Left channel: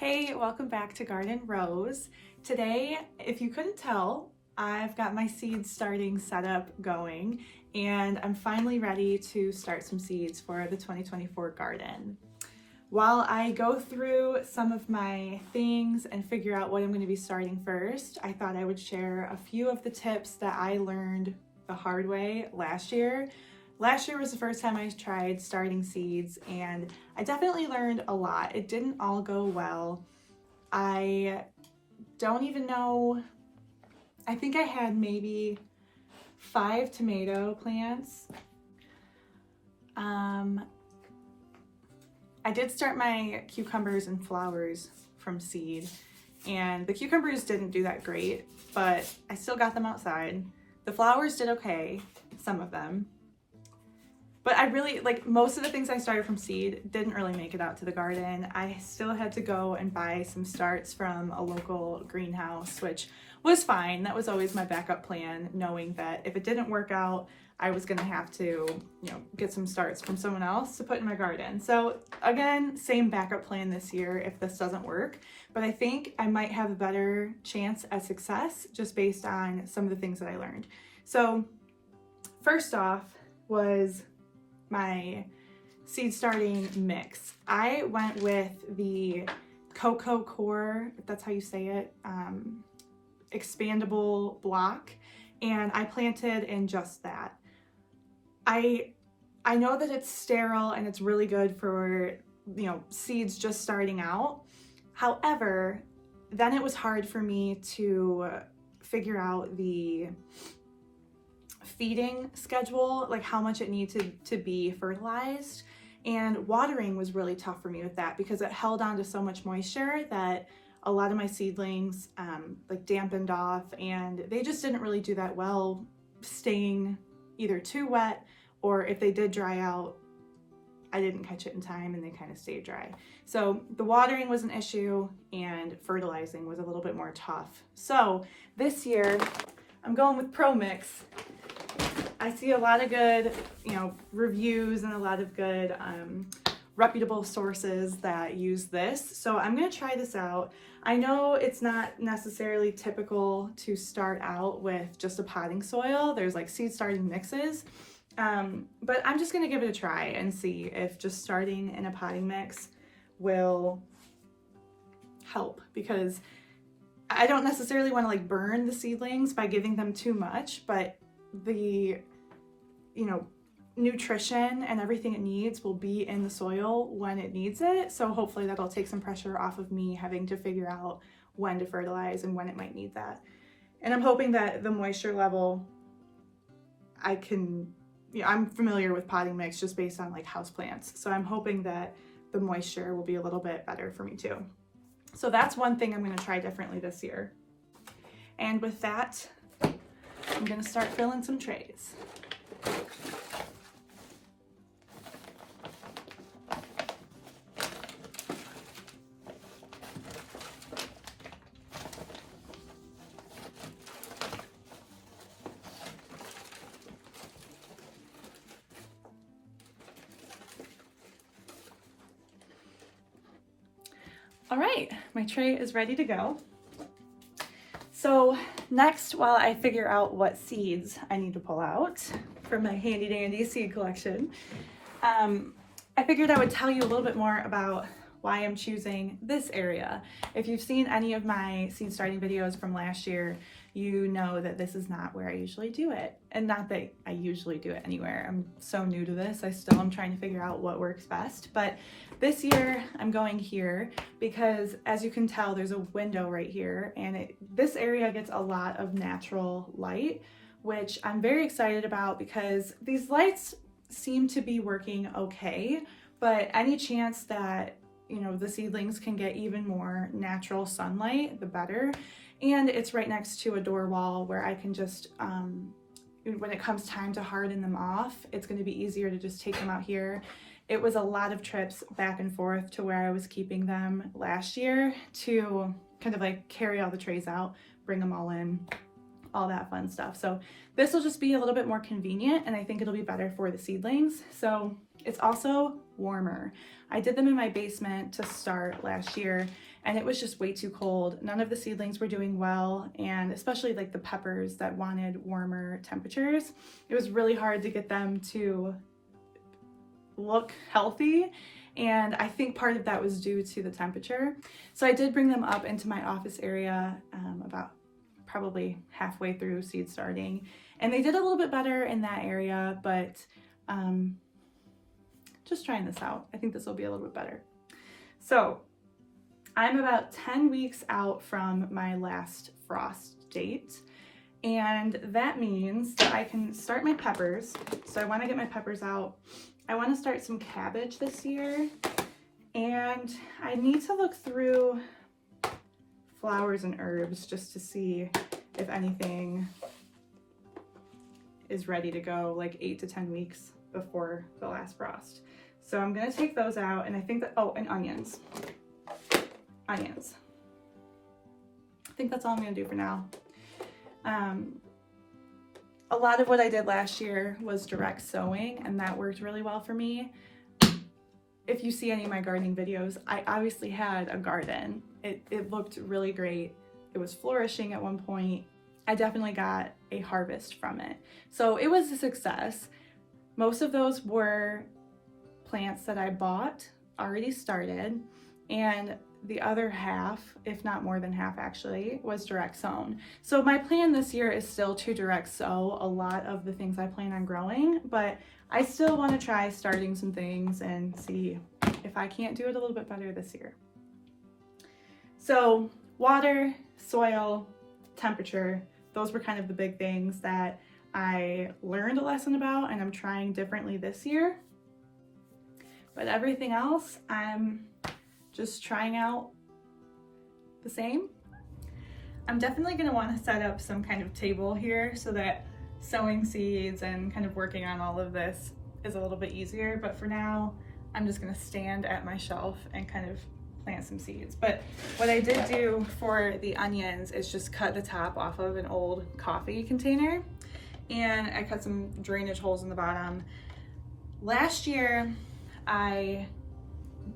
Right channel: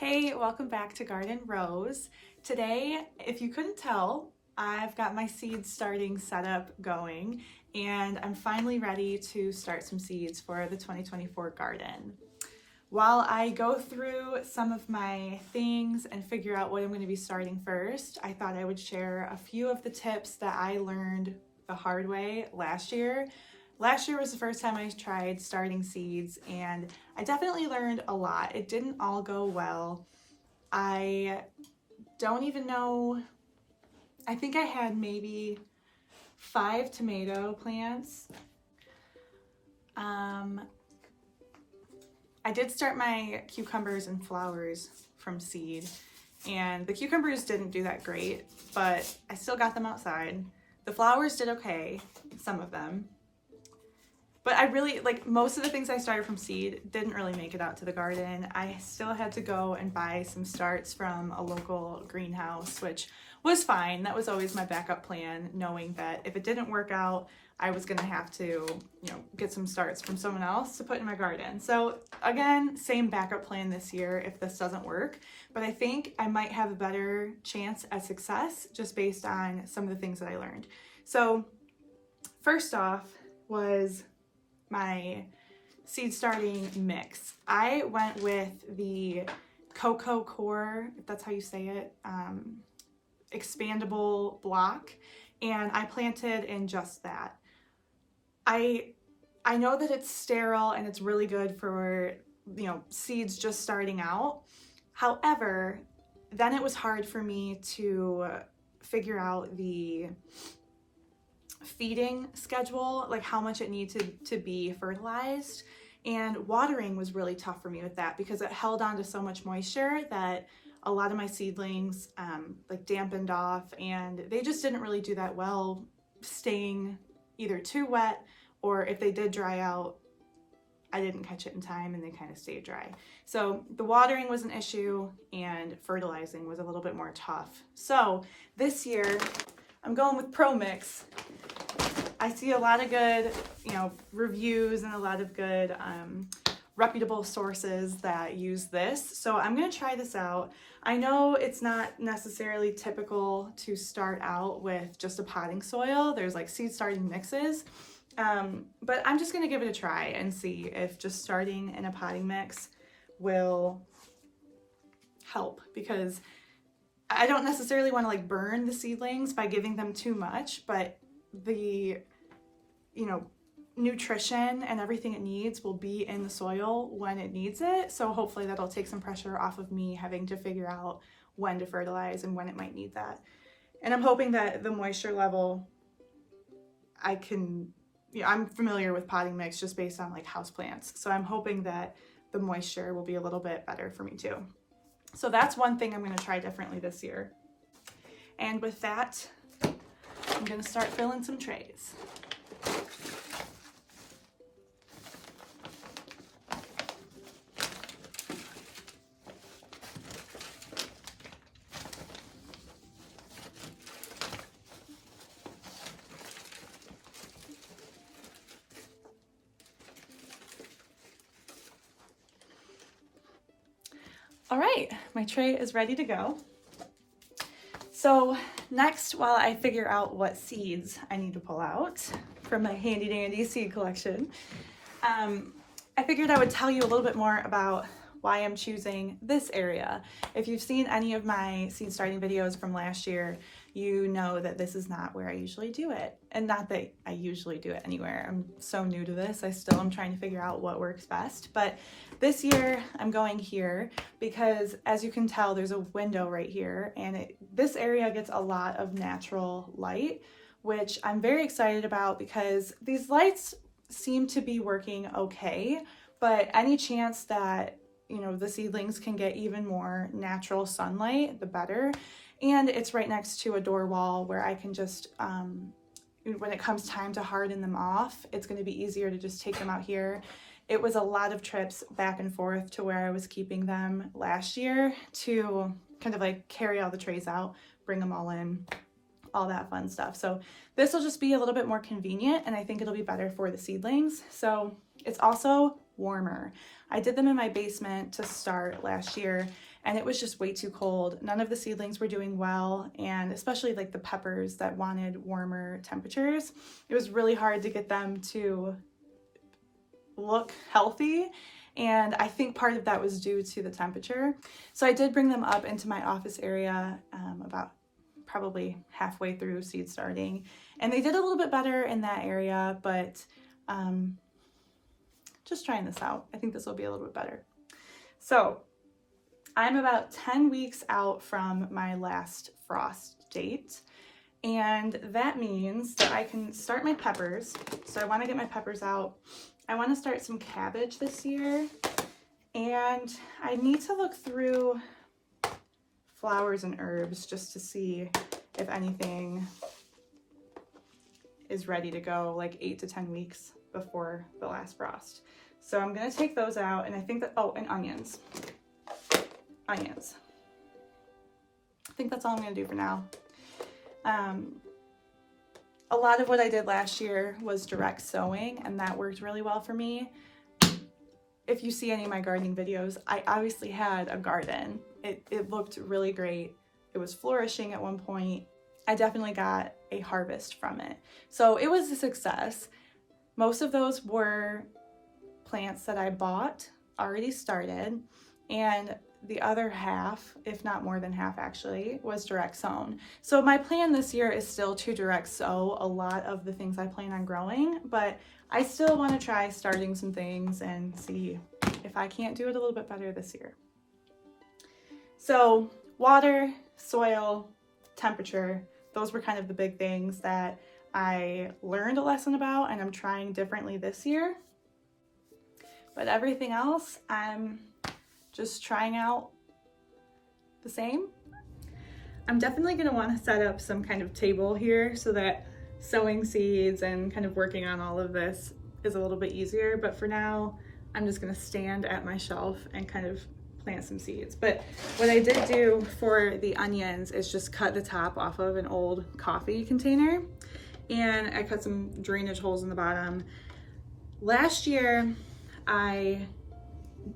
Hey, welcome back to Garden Rose. Today, if you couldn't tell, I've got my seeds starting setup going and I'm finally ready to start some seeds for the 2024 garden. While I go through some of my things and figure out what I'm going to be starting first, I thought I would share a few of the tips that I learned the hard way last year. Last year was the first time I tried starting seeds and I definitely learned a lot. It didn't all go well. I don't even know, I think I had maybe 5 tomato plants. I did start my cucumbers and flowers from seed, and the cucumbers didn't do that great, but I still got them outside. The flowers did okay, some of them. But I really, most of the things I started from seed didn't really make it out to the garden. I still had to go and buy some starts from a local greenhouse, which was fine. That was always my backup plan, knowing that if it didn't work out, I was gonna have to, get some starts from someone else to put in my garden. So again, same backup plan this year if this doesn't work, but I think I might have a better chance at success just based on some of the things that I learned. So first off was my seed starting mix. I went with the Coco Core, if that's how you say it, expandable block, and I planted in just that. I know that it's sterile and it's really good for, seeds just starting out. However, then it was hard for me to figure out the feeding schedule, like how much it needed to be fertilized, and watering was really tough for me with that because it held on to so much moisture that a lot of my seedlings dampened off, and they just didn't really do that well staying either too wet, or if they did dry out, I didn't catch it in time and they kind of stayed dry. So the watering was an issue and fertilizing was a little bit more tough. So this year I'm going with Pro Mix. I see a lot of good, reviews and a lot of good reputable sources that use this. So I'm gonna try this out. I know it's not necessarily typical to start out with just a potting soil. There's seed starting mixes, but I'm just gonna give it a try and see if just starting in a potting mix will help, because I don't necessarily want to burn the seedlings by giving them too much, but the nutrition and everything it needs will be in the soil when it needs it. So hopefully that'll take some pressure off of me having to figure out when to fertilize and when it might need that. And I'm hoping that the moisture level, I'm familiar with potting mix just based on house plants. So I'm hoping that the moisture will be a little bit better for me too. So that's one thing I'm going to try differently this year. And with that, I'm going to start filling some trays. All right, my tray is ready to go. So next, while I figure out what seeds I need to pull out from my handy dandy seed collection, I figured I would tell you a little bit more about why I'm choosing this area. If you've seen any of my seed starting videos from last year, you know that this is not where I usually do it. And not that I usually do it anywhere. I'm so new to this. I still am trying to figure out what works best. But this year I'm going here because, as you can tell, there's a window right here, and this area gets a lot of natural light, which I'm very excited about because these lights seem to be working okay, but any chance that the seedlings can get even more natural sunlight, the better. And it's right next to a door wall where I can just, when it comes time to harden them off, it's going to be easier to just take them out here. It was a lot of trips back and forth to where I was keeping them last year to kind of carry all the trays out, bring them all in, all that fun stuff. So this will just be a little bit more convenient, and I think it'll be better for the seedlings. So it's also warmer. I did them in my basement to start last year, and it was just way too cold. None of the seedlings were doing well, and especially like the peppers that wanted warmer temperatures, it was really hard to get them to look healthy. And I think part of that was due to the temperature. So I did bring them up into my office area about probably halfway through seed starting. And they did a little bit better in that area, but just trying this out. I think this will be a little bit better. So I'm about 10 weeks out from my last frost date. And that means that I can start my peppers. So I want to get my peppers out. I want to start some cabbage this year, and I need to look through flowers and herbs just to see if anything is ready to go like 8 to 10 weeks before the last frost. So I'm going to take those out, and I think that, oh, and onions. Onions. I think that's all I'm going to do for now. A lot of what I did last year was direct sowing, and that worked really well for me. If you see any of my gardening videos, I obviously had a garden. It looked really great. It was flourishing at one point. I definitely got a harvest from it. So it was a success. Most of those were plants that I bought, already started, and the other half, if not more than half actually, was direct sown. So my plan this year is still to direct sow a lot of the things I plan on growing, but I still want to try starting some things and see if I can't do it a little bit better this year. So water, soil, temperature, those were kind of the big things that I learned a lesson about, and I'm trying differently this year. But everything else, I'm just trying out the same. I'm definitely going to want to set up some kind of table here so that sowing seeds and kind of working on all of this is a little bit easier. But for now, I'm just going to stand at my shelf and kind of plant some seeds. But what I did do for the onions is just cut the top off of an old coffee container, and I cut some drainage holes in the bottom. Last year, I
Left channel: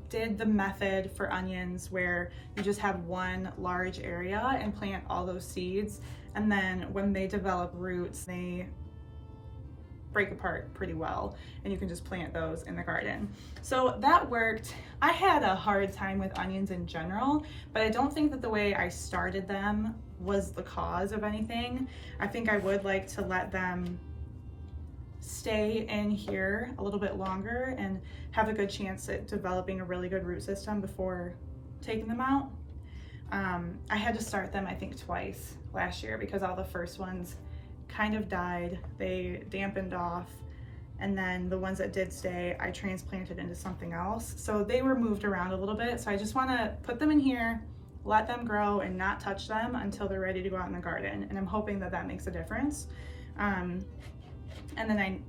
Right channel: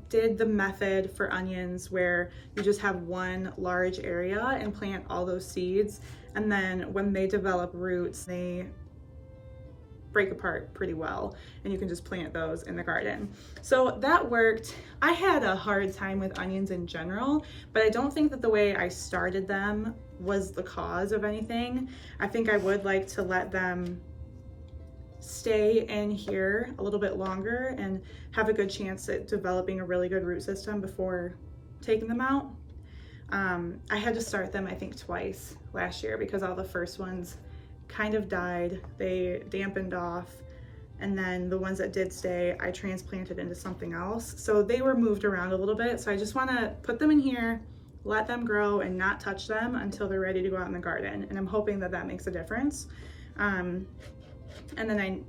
did the method for onions where you just have one large area and plant all those seeds, and then when they develop roots, they break apart pretty well, and you can just plant those in the garden. So that worked. I had a hard time with onions in general, but I don't think that the way I started them was the cause of anything. I think I would like to let them stay in here a little bit longer and have a good chance at developing a really good root system before taking them out. I had to start them, I think, twice last year because all the first ones kind of died. They dampened off, and then the ones that did stay, I transplanted into something else. So they were moved around a little bit. So I just want to put them in here, let them grow, and not touch them until they're ready to go out in the garden. And I'm hoping that that makes a difference. And then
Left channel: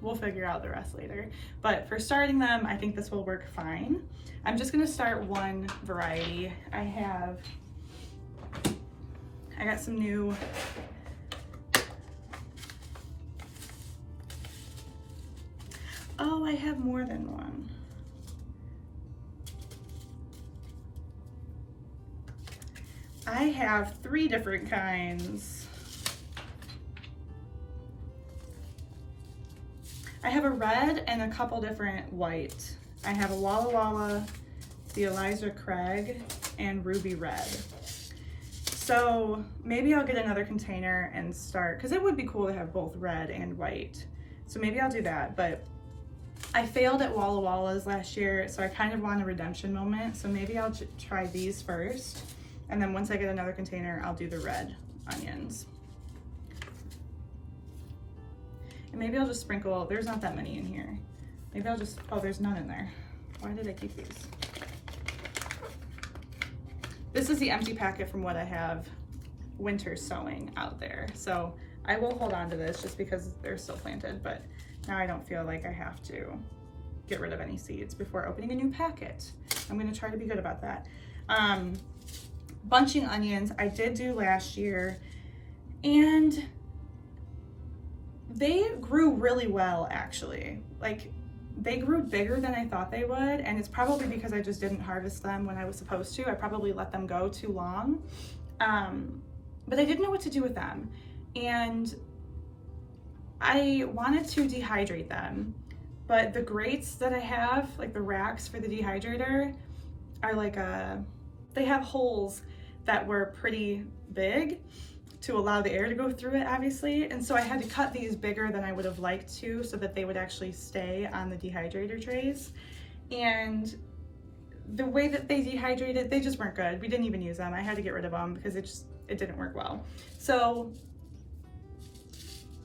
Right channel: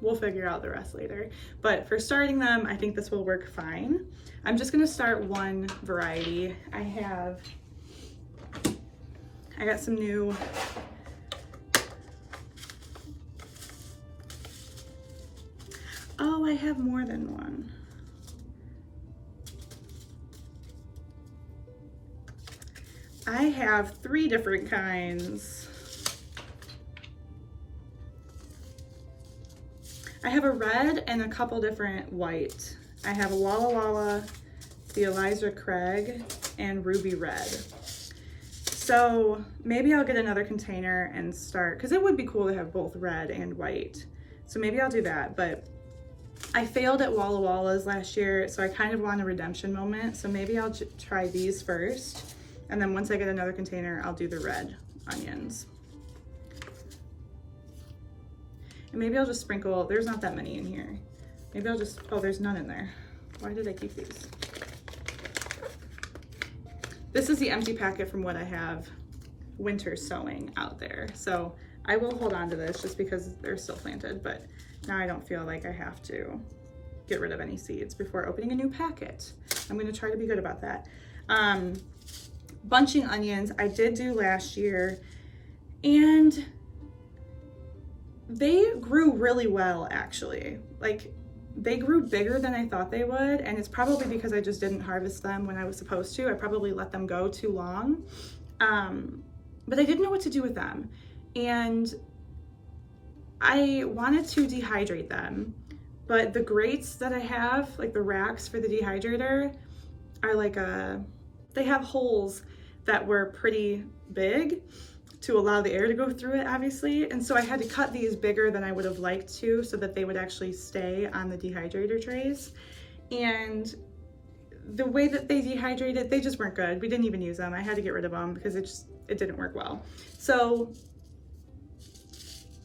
we'll figure out the rest later. But for starting them, I think this will work fine. I'm just gonna start one variety. I got some new I have more than one. I have 3 different kinds. I have a red and a couple different white. I have a Walla Walla, the Eliza Craig, and Ruby Red. So maybe I'll get another container and start, because it would be cool to have both red and white. So maybe I'll do that, but I failed at Walla Wallas last year, so I kind of want a redemption moment. So maybe I'll try these first, and then once I get another container, I'll do the red onions. And maybe I'll just sprinkle, there's not that many in here. Maybe I'll just, oh, there's none in there. Why did I keep these? This is the empty packet from what I have winter sowing out there. So I will hold on to this just because they're still planted, but now I don't feel like I have to get rid of any seeds before opening a new packet. I'm gonna try to be good about that. Bunching onions, I did do last year, and they grew really well, actually. Like, they grew bigger than I thought they would, and it's probably because I just didn't harvest them when I was supposed to. I probably let them go too long, but I didn't know what to do with them. And I wanted to dehydrate them, but the grates that I have, like the racks for the dehydrator, are like they have holes that were pretty big to allow the air to go through it, obviously. And so I had to cut these bigger than I would have liked to so that they would actually stay on the dehydrator trays. And the way that they dehydrated, they just weren't good. We didn't even use them. I had to get rid of them because it didn't work well. So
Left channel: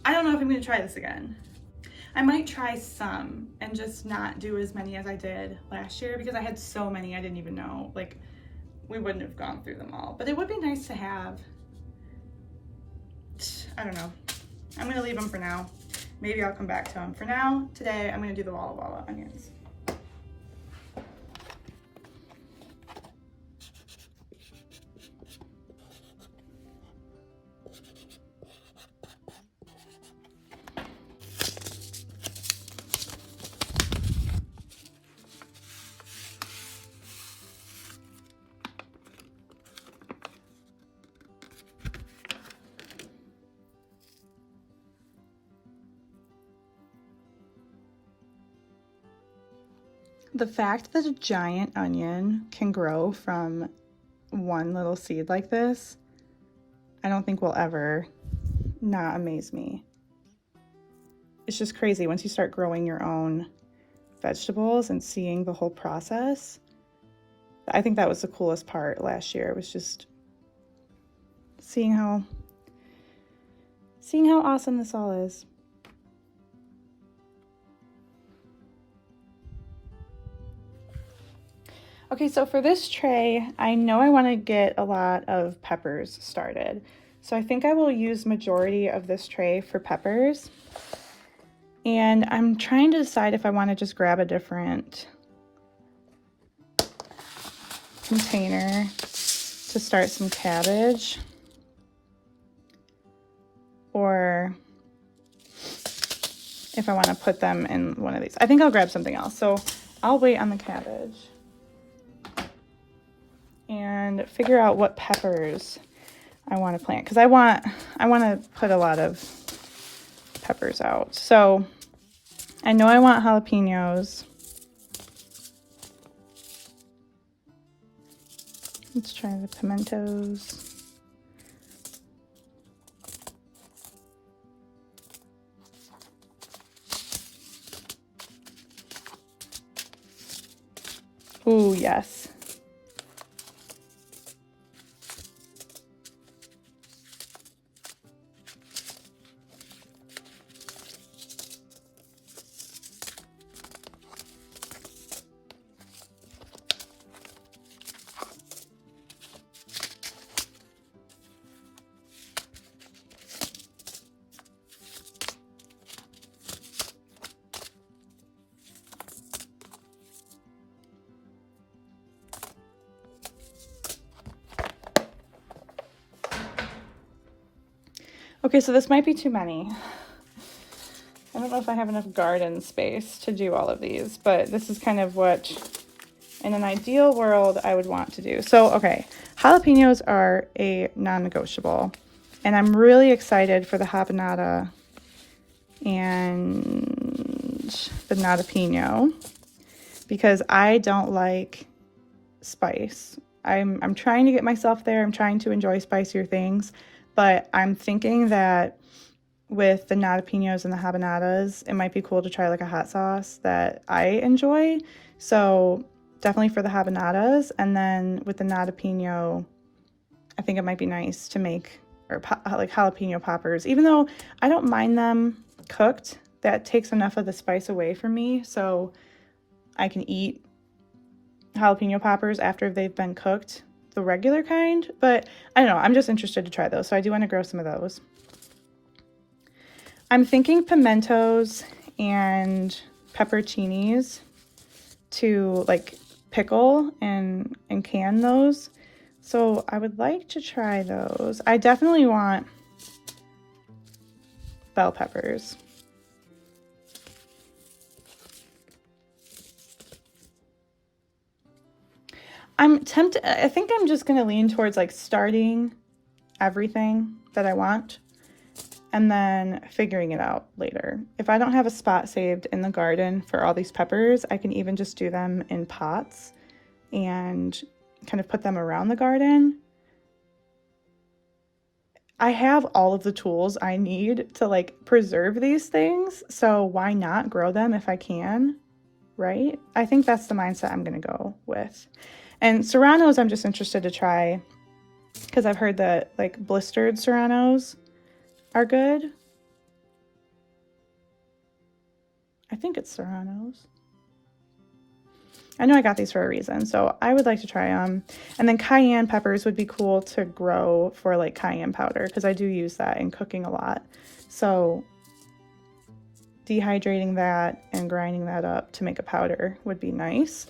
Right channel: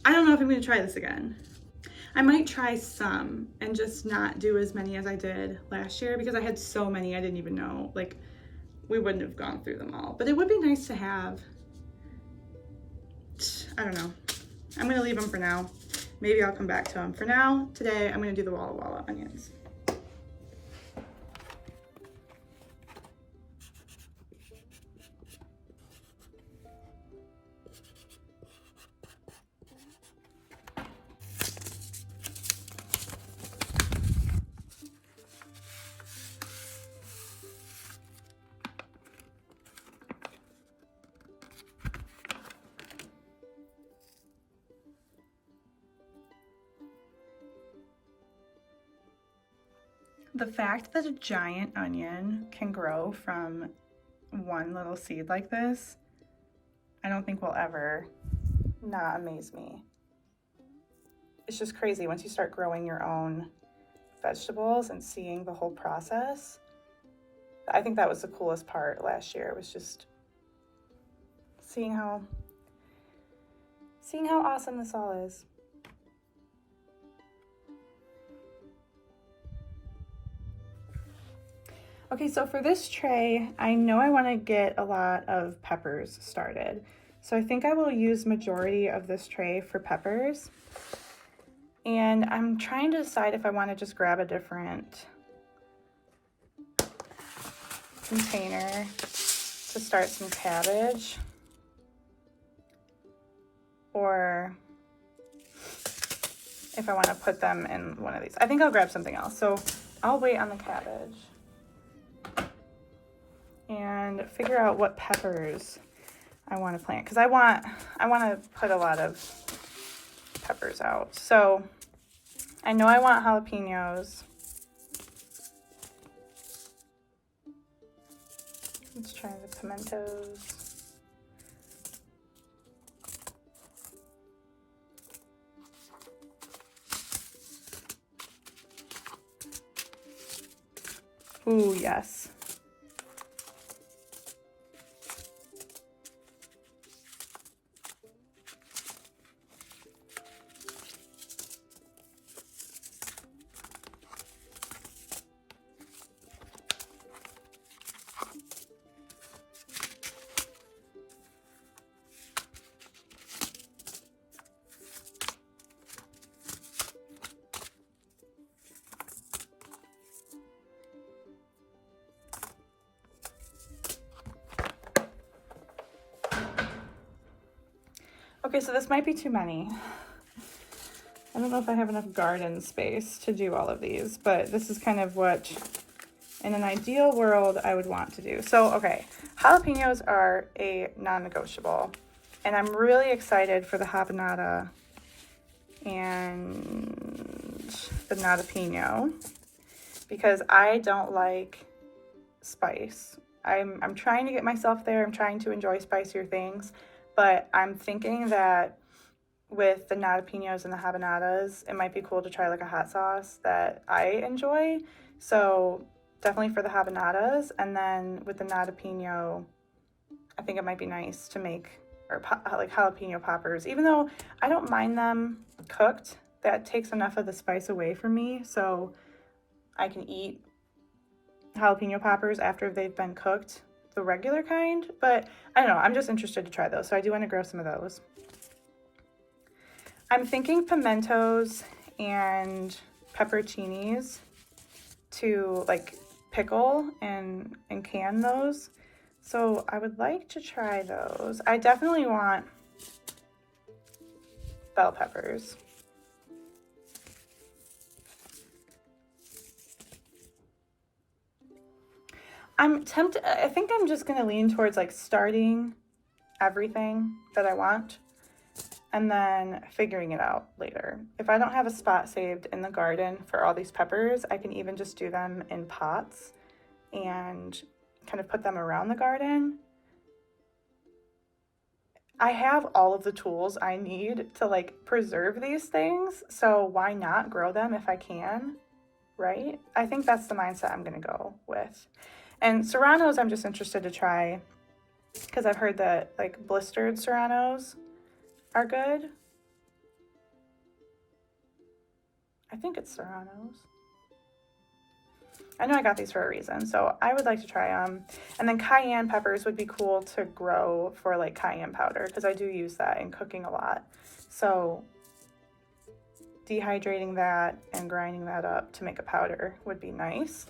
I don't know if I'm gonna try this again. I might try some and just not do as many as I did last year because I had so many I didn't even know, like we wouldn't have gone through them all. But it would be nice to have. I don't know. I'm gonna leave them for now. Maybe I'll come back to them. For now, today, I'm gonna do the Walla Walla onions. The fact that a giant onion can grow from one little seed like this, I don't think will ever not amaze me. It's just crazy once you start growing your own vegetables and seeing the whole process. I think that was the coolest part last year, was just seeing how awesome this all is. Okay, so for this tray, I know I want to get a lot of peppers started. So I think I will use majority of this tray for peppers. And I'm trying to decide if I want to just grab a different container to start some cabbage, or if I want to put them in one of these. I think I'll grab something else. So I'll wait on the cabbage and figure out what peppers I want to plant, because I want to put a lot of peppers out. So I know I want jalapenos. Let's try the pimentos. Ooh, yes. Okay, so this might be too many. I don't know if I have enough garden space to do all of these, but this is kind of what, in an ideal world, I would want to do. So, okay, jalapenos are a non-negotiable, and I'm really excited for the habanada and the jalapeno because I don't like spice. I'm trying to get myself there. I'm trying to enjoy spicier things. But I'm thinking that with the jalapenos and the habanadas, it might be cool to try like a hot sauce that I enjoy. So definitely for the habanadas, and then with the jalapeno, I think it might be nice to make like jalapeno poppers. Even though I don't mind them cooked, that takes enough of the spice away from me, so I can eat jalapeno poppers after they've been cooked, the regular kind. But I don't know, I'm just interested to try those, so I do want to grow some of those. I'm thinking pimentos and pepperoncinis to like pickle and can those. So I would like to try those. I definitely want bell peppers. I'm tempted, I think I'm just gonna lean towards like starting everything that I want and then figuring it out later. If I don't have a spot saved in the garden for all these peppers, I can even just do them in pots and kind of put them around the garden. I have all of the tools I need to like preserve these things, so why not grow them if I can, right? I think that's the mindset I'm gonna go with. And serranos, I'm just interested to try because I've heard that like blistered serranos are good. I think it's serranos. I know I got these for a reason, so I would like to try them. And then cayenne peppers would be cool to grow for like cayenne powder because I do use that in cooking a lot. So dehydrating that and grinding that up to make a powder would be nice.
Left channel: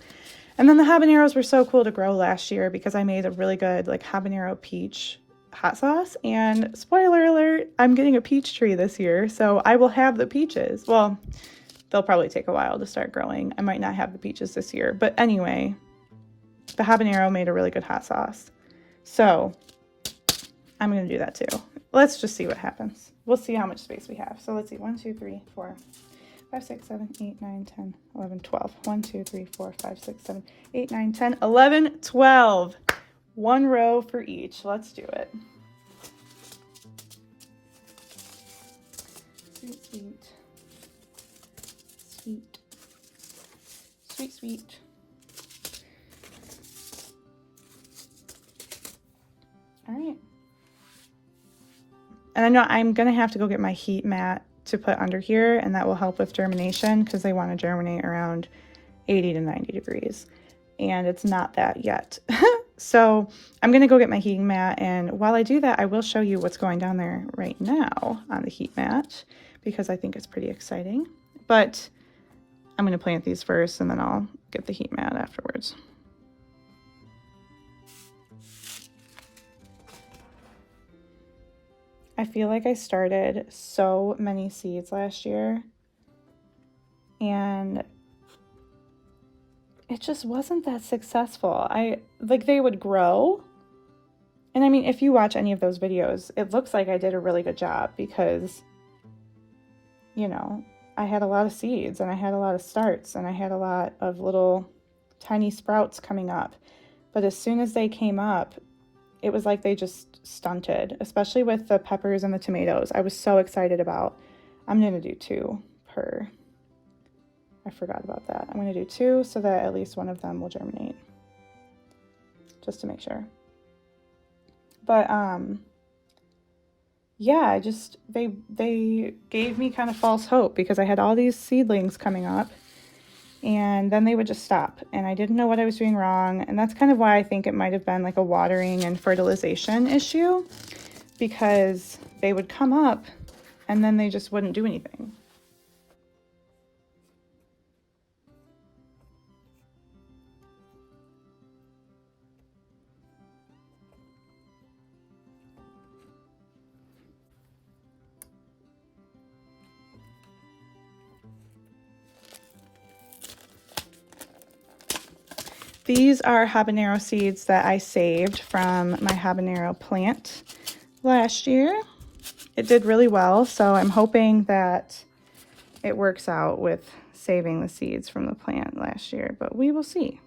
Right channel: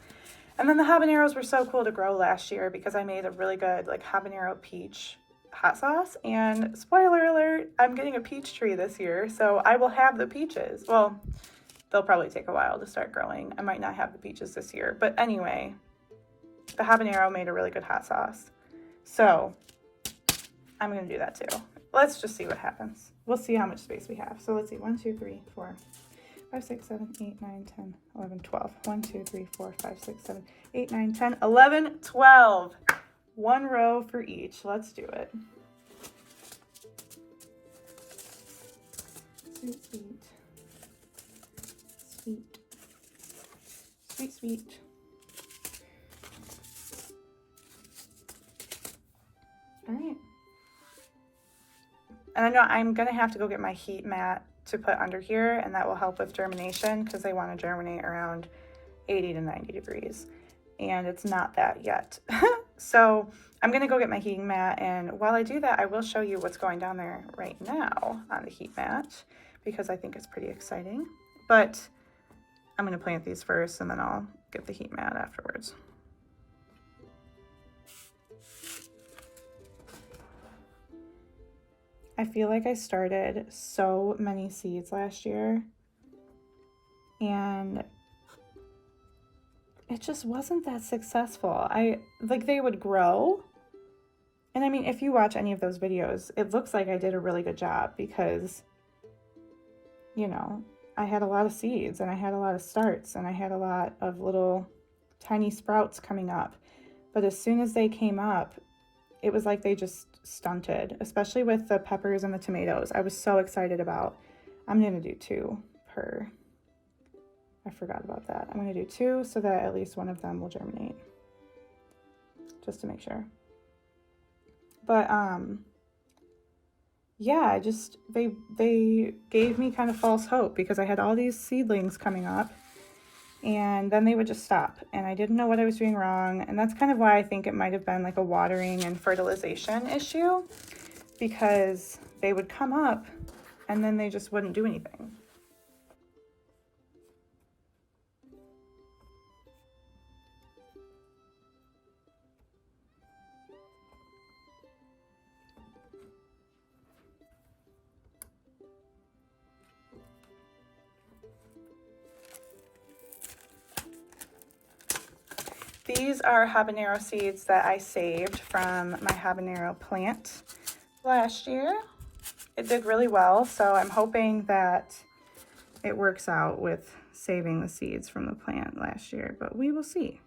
And then the habaneros were so cool to grow last year because I made a really good like habanero peach hot sauce. And spoiler alert, I'm getting a peach tree this year, so I will have the peaches. Well, they'll probably take a while to start growing. I might not have the peaches this year, but anyway, the habanero made a really good hot sauce. So I'm gonna do that too. Let's just see what happens. We'll see how much space we have. So let's see, 1, 2, 3, 4, 5, 6, 7, 8, 9, 10, 11, 12. 1, 2, 3, 4, 5, 6, 7, 8, 9, 10, 11, 12. One row for each. Let's do it. Sweet, sweet. Sweet. Sweet, sweet. All right. And I know I'm gonna have to go get my heat mat to put under here, and that will help with germination because they want to germinate around 80 to 90 degrees. And it's not that yet. So I'm gonna go get my heating mat, and while I do that, I will show you what's going down there right now on the heat mat because I think it's pretty exciting. But I'm gonna plant these first and then I'll get the heat mat afterwards. I feel like I started so many seeds last year and it just wasn't that successful. They would grow. And I mean, if you watch any of those videos, it looks like I did a really good job because, you know, I had a lot of seeds and I had a lot of starts and I had a lot of little tiny sprouts coming up. But as soon as they came up, it was like they just stunted, especially with the peppers and the tomatoes. I was so excited about, I'm gonna do 2 per, I forgot about that. I'm gonna do 2 so that at least one of them will germinate, just to make sure. But yeah, they gave me kind of false hope because I had all these seedlings coming up and then they would just stop and I didn't know what I was doing wrong. And that's kind of why I think it might have been like a watering and fertilization issue because they would come up and then they just wouldn't do anything. These are habanero seeds that I saved from my habanero plant last year. It did really well, so I'm hoping that it works out with saving the seeds from the plant last year, but we will see.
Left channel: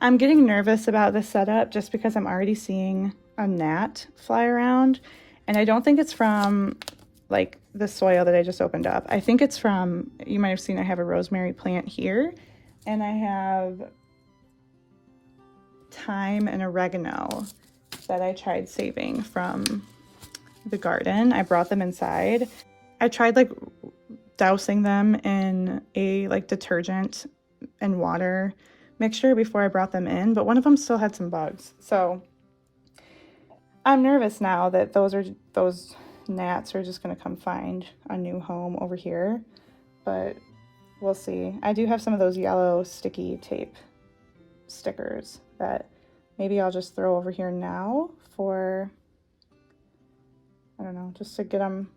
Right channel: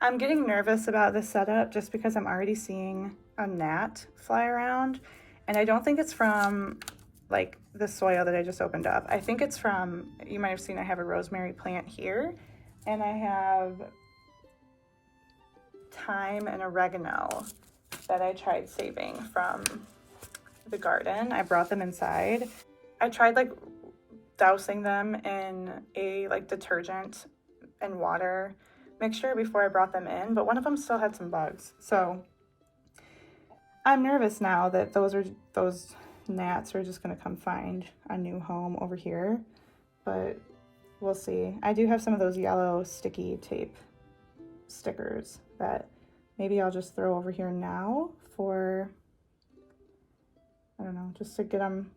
I'm getting nervous about this setup just because I'm already seeing a gnat fly around, and I don't think it's from like the soil that I just opened up. I think it's from, you might have seen I have a rosemary plant here, and I have thyme and oregano that I tried saving from the garden. I brought them inside. I tried like dousing them in a like detergent and water mixture before I brought them in, but one of them still had some bugs. So I'm nervous now that those gnats are just gonna come find a new home over here, but we'll see. I do have some of those yellow sticky tape stickers that maybe I'll just throw over here now for, I don't know, just to get them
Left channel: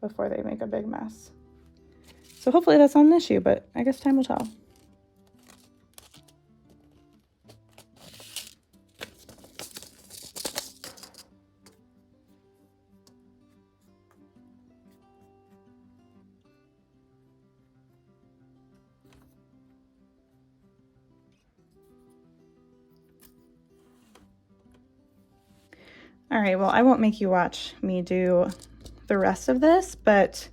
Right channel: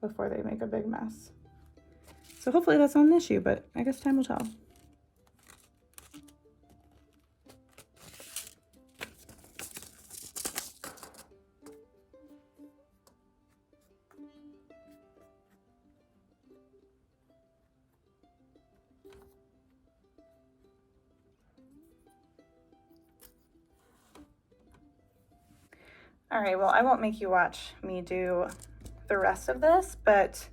before they make a big mess. So hopefully that's not an issue, but I guess time will tell. All right, well, I won't make you watch me do the rest of this, but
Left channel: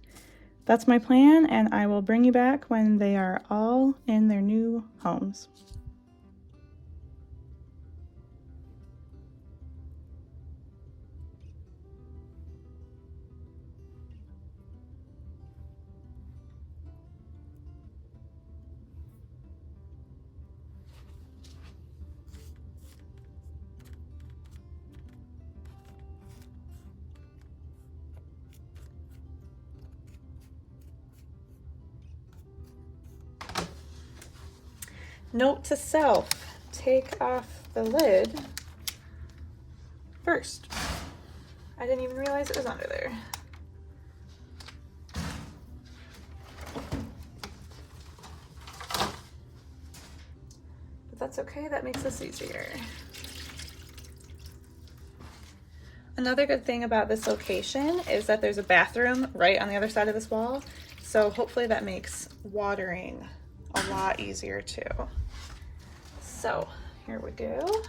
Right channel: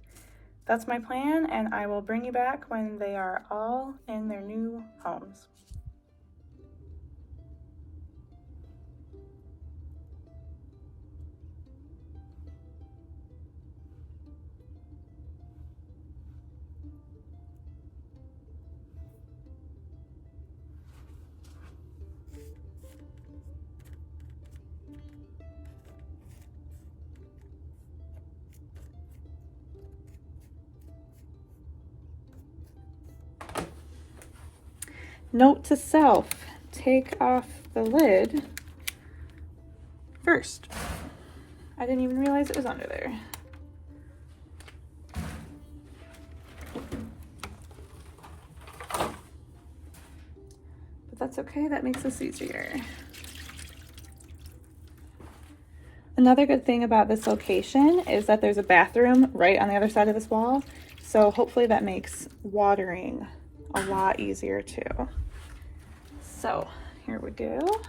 that's my plan, and I will bring you back when they are all in their new homes. Note to self, take off the lid first. I didn't even realize it was under there. But that's okay, that makes this easier. Another good thing about this location is that there's a bathroom right on the other side of this wall. So hopefully that makes watering a lot easier too. So here we go.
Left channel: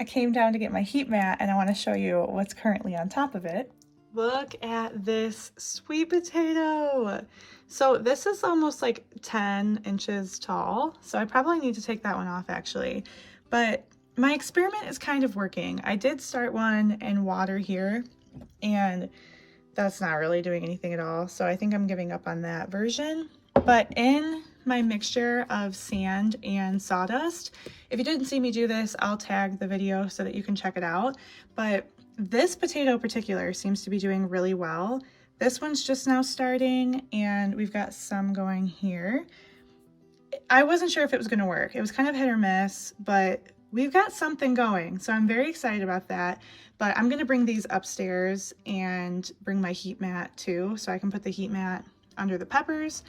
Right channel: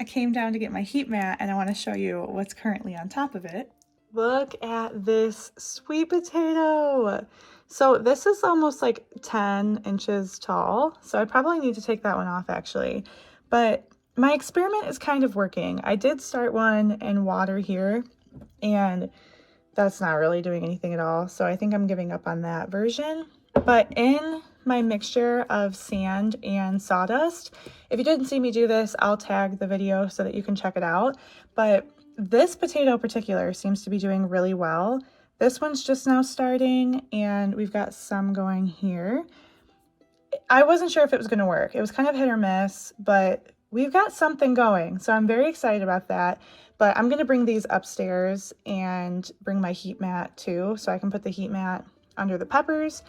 I came down to get my heat mat and I want to show you what's currently on top of it. Look at this sweet potato. So this is almost like 10 inches tall. So I probably need to take that one off actually. But my experiment is kind of working. I did start one in water here and that's not really doing anything at all. So I think I'm giving up on that version. But in my mixture of sand and sawdust, if you didn't see me do this, I'll tag the video so that you can check it out. But this potato in particular seems to be doing really well. This one's just now starting and we've got some going here. I wasn't sure if it was going to work. It was kind of hit or miss, but we've got something going. So I'm very excited about that. But I'm going to bring these upstairs and bring my heat mat too, so I can put the heat mat under the peppers.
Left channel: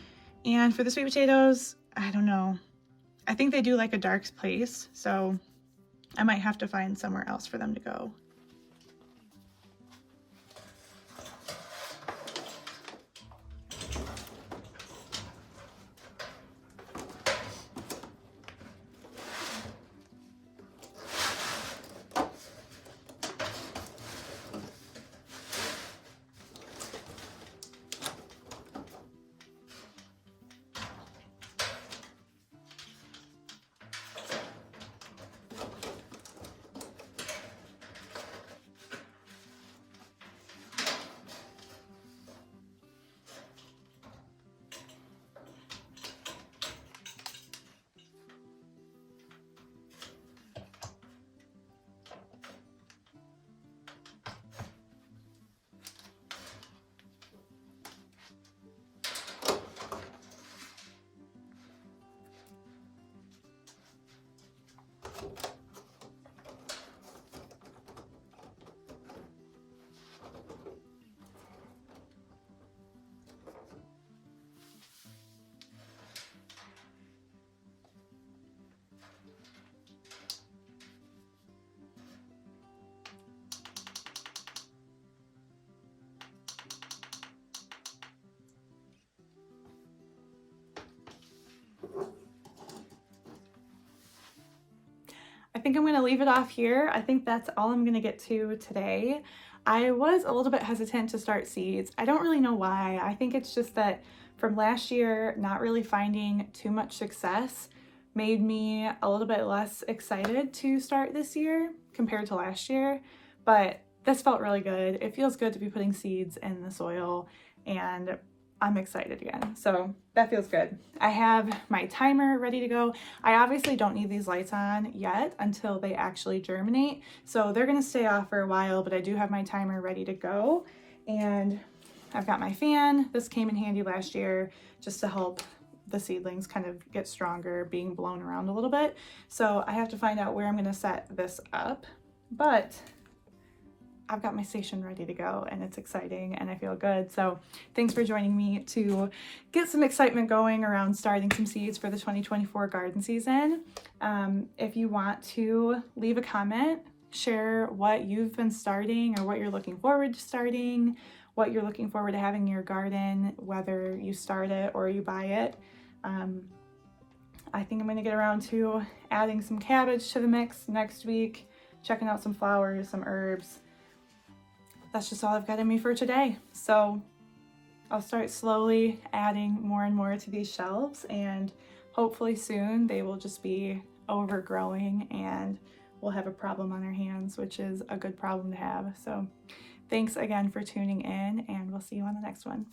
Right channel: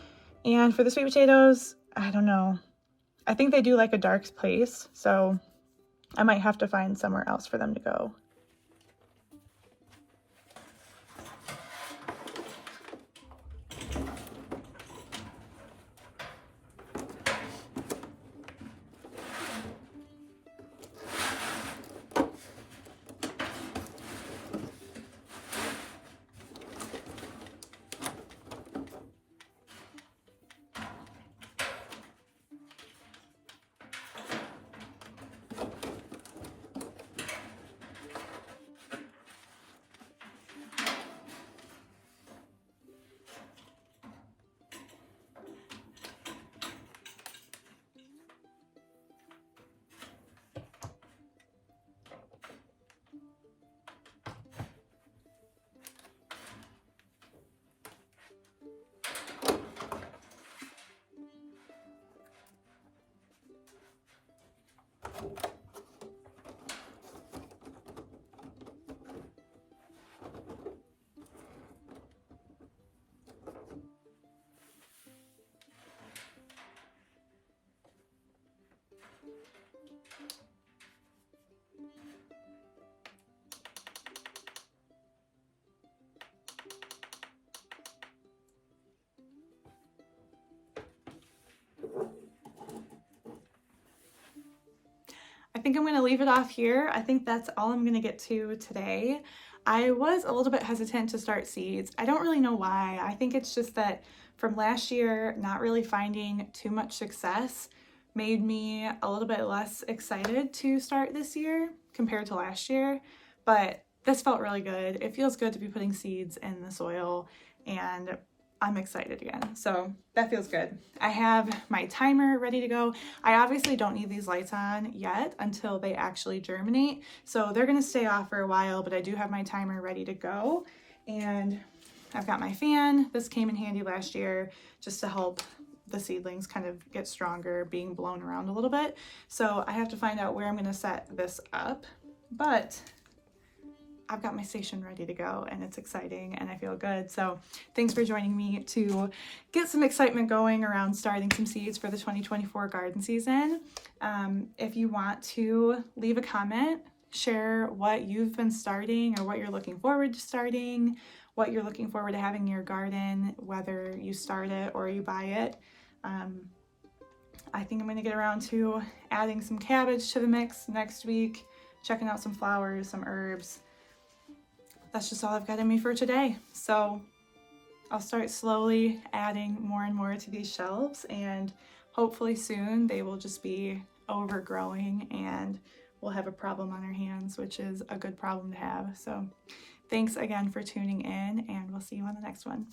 And for the sweet potatoes, I don't know. I think they do like a dark place, so I might have to find somewhere else for them to go. I think I'm going to leave it off here. I think that's all I'm going to get to today. I was a little bit hesitant to start seeds. I don't really know why. I think it's just that from last year, not really finding too much success made me a little bit less excited to start this year compared to last year. But this felt really good. It feels good to be putting seeds in the soil, and I'm excited again. So that feels good. I have my timer ready to go. I obviously don't need these lights on yet until they actually germinate. So they're gonna stay off for a while, but I do have my timer ready to go. And I've got my fan. This came in handy last year just to help the seedlings kind of get stronger, being blown around a little bit. So I have to find out where I'm gonna set this up, but I've got my station ready to go and it's exciting and I feel good. So thanks for joining me to get some excitement going around starting some seeds for the 2024 garden season. If you want to leave a comment, share what you've been starting or what you're looking forward to starting, what you're looking forward to having in your garden, whether you start it or you buy it. I think I'm going to get around to adding some cabbage to the mix next week, checking out some flowers, some herbs. That's just all I've got in me for today. So I'll start slowly adding more and more to these shelves, and hopefully soon they will just be overgrowing and we'll have a problem on our hands, which is a good problem to have. So thanks again for tuning in, and we'll see you on the next one.